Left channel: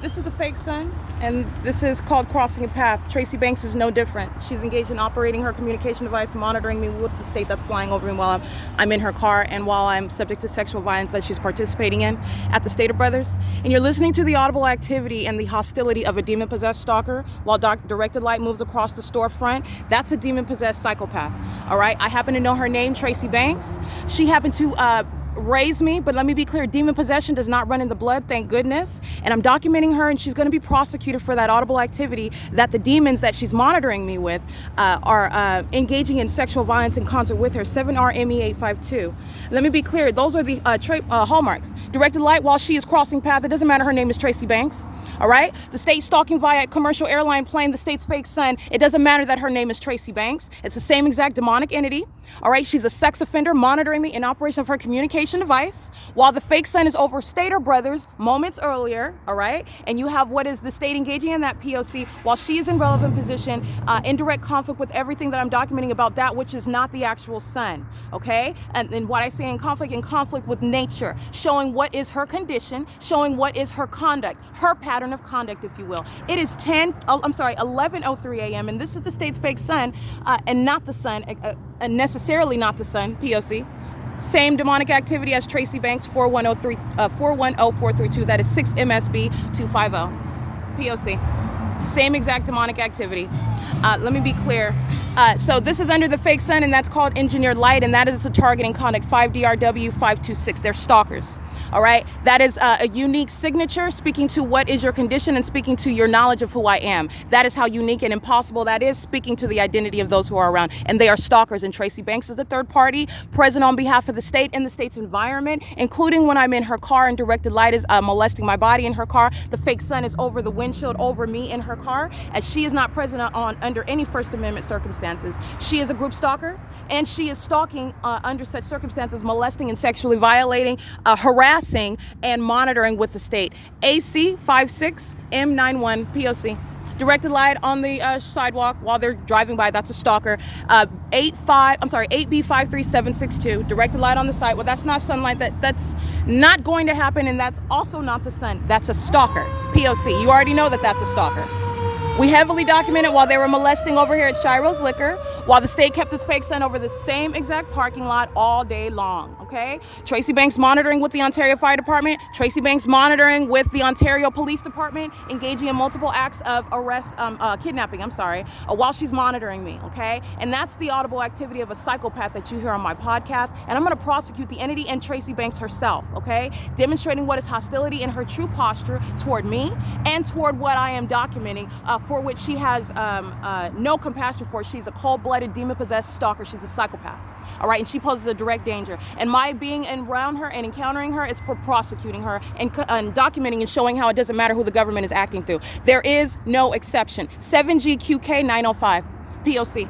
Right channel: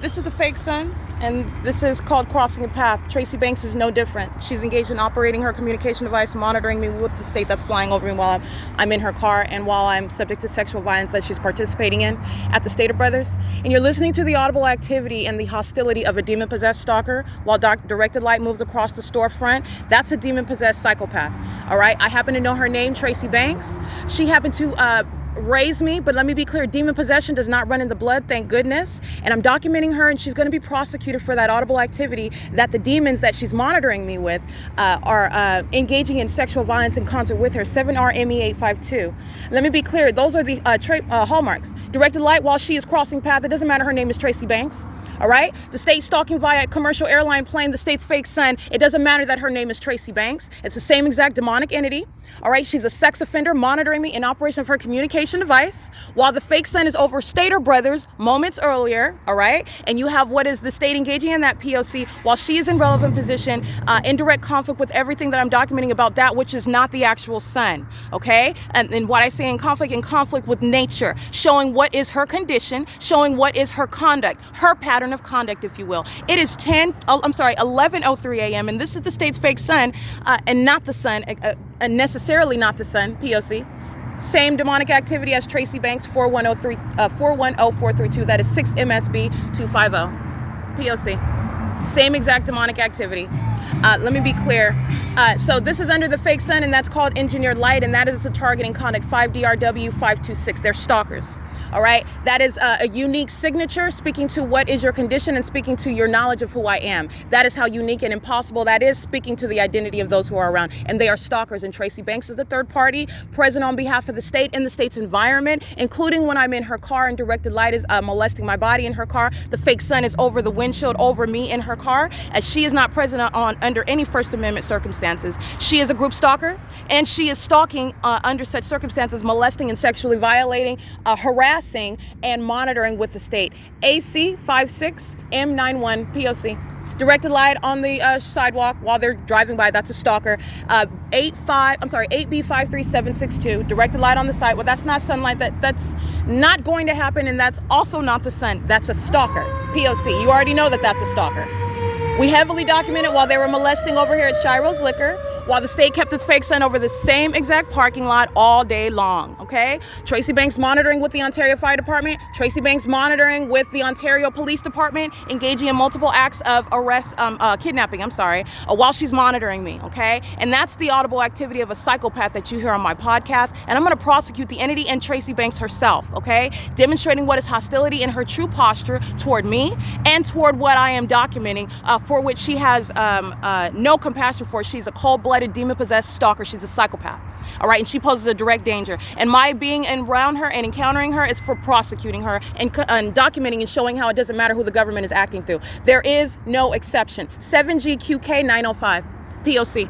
This is the fake son, and this is called Crossing a Path. Tracy Banks is no different. She's engaged in operating her communication device, monitoring me with the state that's flying over me while I'm in her car and while I'm subject to sexual violence that she's participating in at the Stater Brothers. And you're listening to the audible activity and the hostility of a demon-possessed stalker while directed light moves across the storefront. That's a demon-possessed psychopath, all right? I happen to know her name, Tracy Banks. She happened to raise me, but let me be clear, demon possession does not run in the blood, thank goodness. And I'm documenting her, and she's going to be prosecuted for that audible activity that the demons that she's monitoring me with are engaging in sexual violence in concert with her. 7RME852. Let me be clear, those are the hallmarks. Directed light while she is crossing path. It doesn't matter her name is Tracy Banks. All right? The state stalking via commercial airline plane, the state's fake son. It doesn't matter that her name is Tracy Banks. It's the same exact demonic entity. All right? She's a sex offender monitoring me in operation of her communication device while the fake son is over Stater Brothers moments earlier. All right? And you have what is the state engaging in that P.O.C. while she is in relevant position, in direct conflict with everything that I'm documenting about that which is not the actual son. Okay? And then what I say in conflict with nature, showing what is her condition, showing what is her conduct, her pattern of conduct, if you will. It is 11:03 a.m. and this is the state's fake son, and not the son, necessarily not the son, P.O.C. Same demonic activity as Tracy Banks, 410432. That is 6 MSB 250. P.O.C. Same exact demonic activity. Let me be clear. So this is under the fake son, and that's called engineered light, and that is a targeting conduct 5DRW 526. They're stalkers. All right, that is a unique signature speaking to what is your condition and speaking to your knowledge of who I am. That is how unique and impossible that is, speaking to the identity of those who are around. And they are stalkers. And Tracy Banks is the third party present on behalf of the state and the state's environment, including when I'm in her car and directed light is molesting my body in her car. The fake son is over the windshield over me in her car, as she is not present under any First Amendment circumstances. She is a group stalker, and she is stalking under such circumstances, molesting and sexually violating, harassing and monitoring with the state. AC 56M91 P.O.C. Directed light on the sidewalk while they're driving by. That's a stalker. 8B53762. Directed light on the side. Well, that's not sunlight. That's not going to happen, and that's also not the sun. That's a stalker. P.O.C. You already know that that's a stalker. We heavily documented while they were molesting over here at Shiro's Liquor, while the state kept its fake son over the same exact parking lot all day long, okay? Tracy Banks monitoring with the Ontario Fire Department, Tracy Banks monitoring with the Ontario Police Department, engaging in multiple acts of kidnapping, while she's monitoring me, okay? And that's the audible activity of a psychopath that you hear on my podcast, and I'm gonna prosecute the entity and Tracy Banks herself, okay? Demonstrating what is hostility in her true posture toward me and toward what I am documenting, for which she has no compassion for. She's a cold-blooded, demon-possessed stalker. She's a psychopath, all right? And she poses a direct danger. And my being around her and encountering her is for prosecuting her and documenting and showing how it doesn't matter who the government is acting through. There is no exception. 7GQK 905, POC.